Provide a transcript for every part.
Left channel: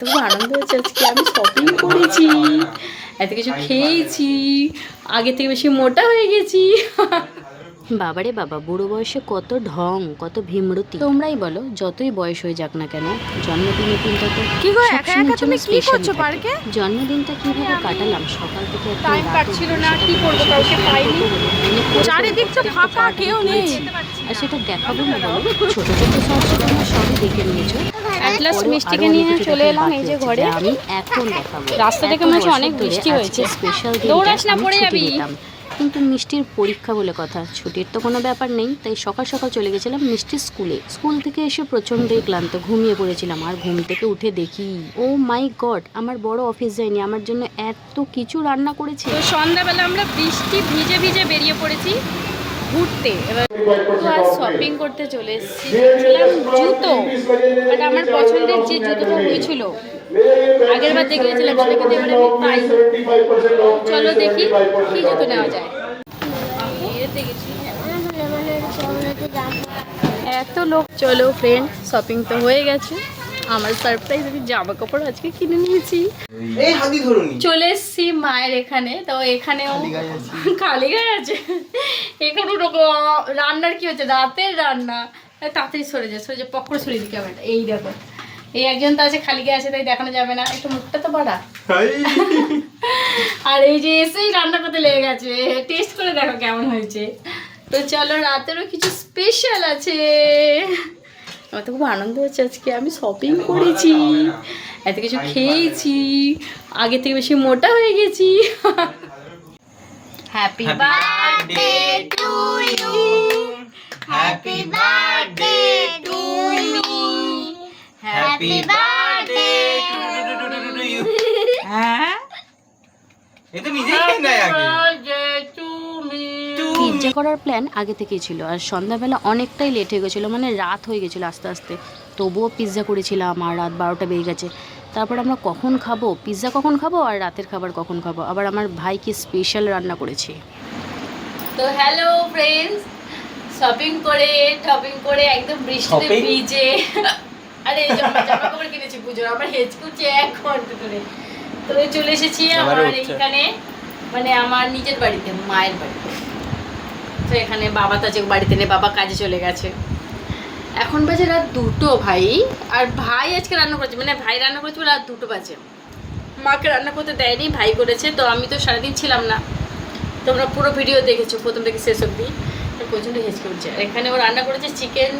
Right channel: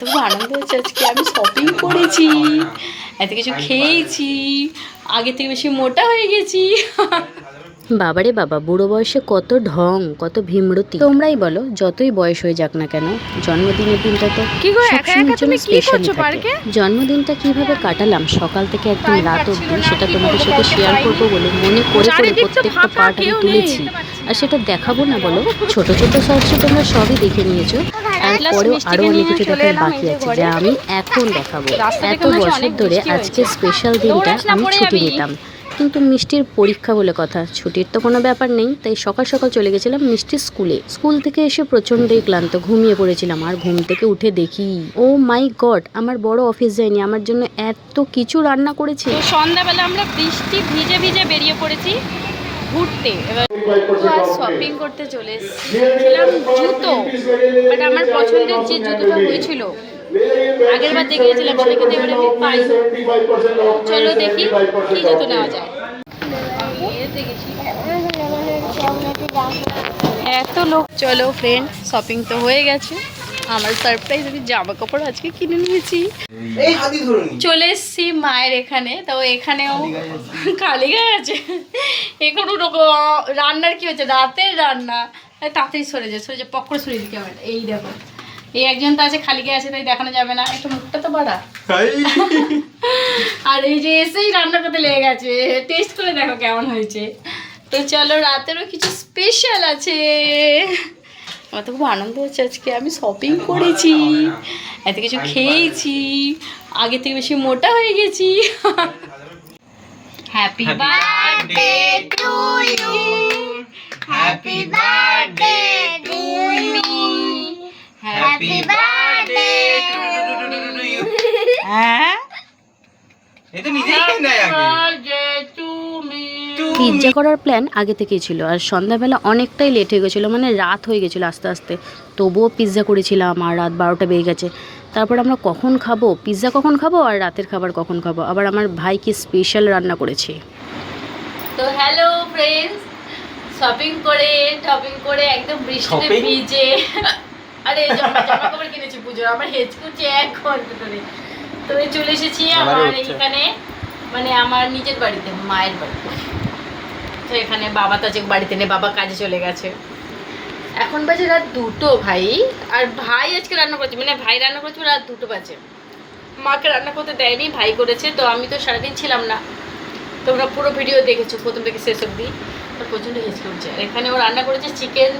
তবু আনন্দ হচ্ছে আজকে আমি শপিং করেছি, এত কিছু খেয়েছি, আগে থেকে বেশি মোটা হয়ে গেছি। বাবারে বাবা, বুড়ো বয়সে কত ঢং, কত ভীমরতি। তোমরাই বলো, যতই বয়স হয়ে যাক না কেন, জন্মদিনের দিনটা তো সবসময়ের জন্য স্পেশালি থাকে। জন্মদিনটা কিভাবে কাটালাম সকাল থেকে একদম রাত অবধি, সেটা তোমাদের সাথে শেয়ার করবো বলে মনে করে প্রত্যেকটা পার্ট আমি তুলেছি, আর সেটা দেখাবো না বলো? ছোট ছোট শর্টসে তোমরা সবই দেখে নিয়েছো, তারপরেও আরো অনেক কিছু দেখার বাকি আছে যা আমি এখন দেখাবো। এত বছর ধরে আজকে স্পেশাল দিনটা আমি ছুটি নিতাম, কিন্তু মিষ্টির পরীক্ষা বলে কথা, ছুটির তো কোনো ব্যাপার নেই, তাই সকাল সকাল চলে গেছিলাম মিষ্টির স্কুলে। স্কুল থেকে এসে প্রচণ্ডই ক্লান্ত, ঘুমিয়ে পড়েছিলাম। আর ঘুম থেকে উঠে দেখি, ও মাই গড, আমার বড় অফিস যায়নি, আমার জন্য এত কিছু রান্না করেছে। তো সন্ধ্যাবেলা আমরা বৃষ্টি ভিজে ভিজে বেরিয়ে পড়েছি ঘুরতে। এবার শপিং করতে চলে এসেছিলাম জুতো, বাট আমার পছন্দের যে জুতোটা হয়েছিল আগের বার দেখিয়েছিলাম সেটাকে এবার আমি পাই। চলো দেখি কি জুতো নেওয়া যায়। আমি এতে গেছি, এত লোক। চলো ফ্রেন্ড, শপিং তো হয়ে গেছে। আমার সারপ্রাইজ, আমি জামা কাপড় আজকে কিনে নিয়েছি। চলে এসছি মায়ের এখানে, তো এখানেও খালি গায়ে আছে। এখানে রান্নার কি হচ্ছে, রাতের রান্না। তাড়াতাড়ি সরে যায় পকড়ে সরিয়ে দিকে আমার। এই দেখো, এই একজন তো আছে খালি গায়ে আছে, তাই দেখানো যাবে না, একটু মুখটা তো বাড়া। আর এই যে এসেই রান্না করতে লেগে গেছে, টেস্ট করে দেখো কেমন হয়েছে। তো চলো, রাতেরও কিছু স্পেশাল আছে। আমার তো খুব আনন্দ হচ্ছে আজকে আমি শপিং করেছি, এত কিছু খেয়েছি, আগে থেকে বেশি মোটা হয়ে গেছি। Happy birthday to you, happy birthday to you, happy birthday to you. হ্যাঁ, এটা নিজেই খাই আগে। পিৎজা করার প্ল্যান আগে থেকেই ছিল, আর সন্ধ্যাবেলা অনেকটাই লেট হয়ে গেছিলো, মানে রাত হয়ে গেছিলো আস্তে আস্তে। তবুও পিৎজা করেছিলাম, আর রাত 12টা বেজে গেছে। তারপর আমরা কখন খাবো পিৎজা, কখন খাবো আর রাতের খাবার কখন খাবো, আবার আমার ভাই কি স্পেশাল রান্না করেছে। তো হ্যালো ফ্রেন্ডস, শপিং করে একদম বৃষ্টিতে ভিজে, আরে জামা কাপড় কিনেছি পুজোর, আমার হেঁচকুচ্ছে 1 ঘন্টা ধরে। তো চলে এসেছি আমার এইখানে, মানে আমার নিজের বাড়িতে, মায়ের বাড়িতে। তো এখানে বাবা তো আজকে বাড়িতে নেই, বাবা কাজে চলে গেছে। এখন বাজে রাত 2টো ভাই, আর ভাই আজকে রান্না করেছে, মানে ভাই রান্না করেছে রাত 2টো বাজে। মাকে রান্না করতে দেয়নি, ভাই করেছে। তো আমি তো সারাদিন ছিলাম না, তোমরা পুরো ভিডিও দেখেছো প্রথম থেকে শেষ অবধি। তো প্রচণ্ড হেঁচকে উঠছে। আর এখানে ও রান্না করেছে চিকেন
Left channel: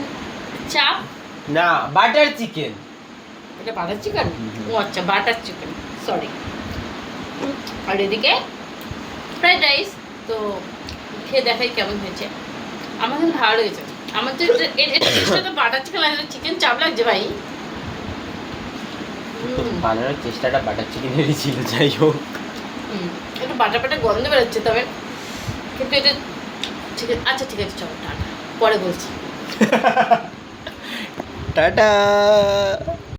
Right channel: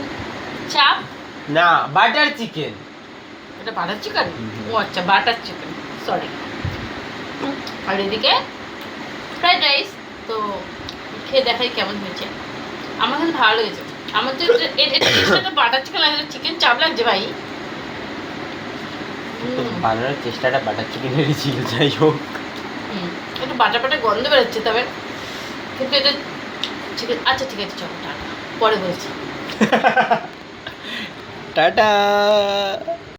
চাপ, না বাটার চিকেন। এটা বাটার চিকেন? ও আচ্ছা, বাটার চিকেন, সরি। আর এদিকে ফ্রাইড রাইস। তো খেয়ে দেখাই কেমন হয়েছে। আমার কিন্তু ভালো লেগেছে। আমার তো এটা বাটার চিকেন লাগছে, চিকেন চাপ লাগছে ভাই। বানানোর চেষ্টাটা বাটার চিকেনেরই ছিল, যাই হোক। একটু বাটার বাটার গন্ধ বেরোচ্ছে, তবে কিন্তু এটা চিকেন। আচ্ছা ঠিক আছে, চলো টাটা, পরে বলছি। টাটা।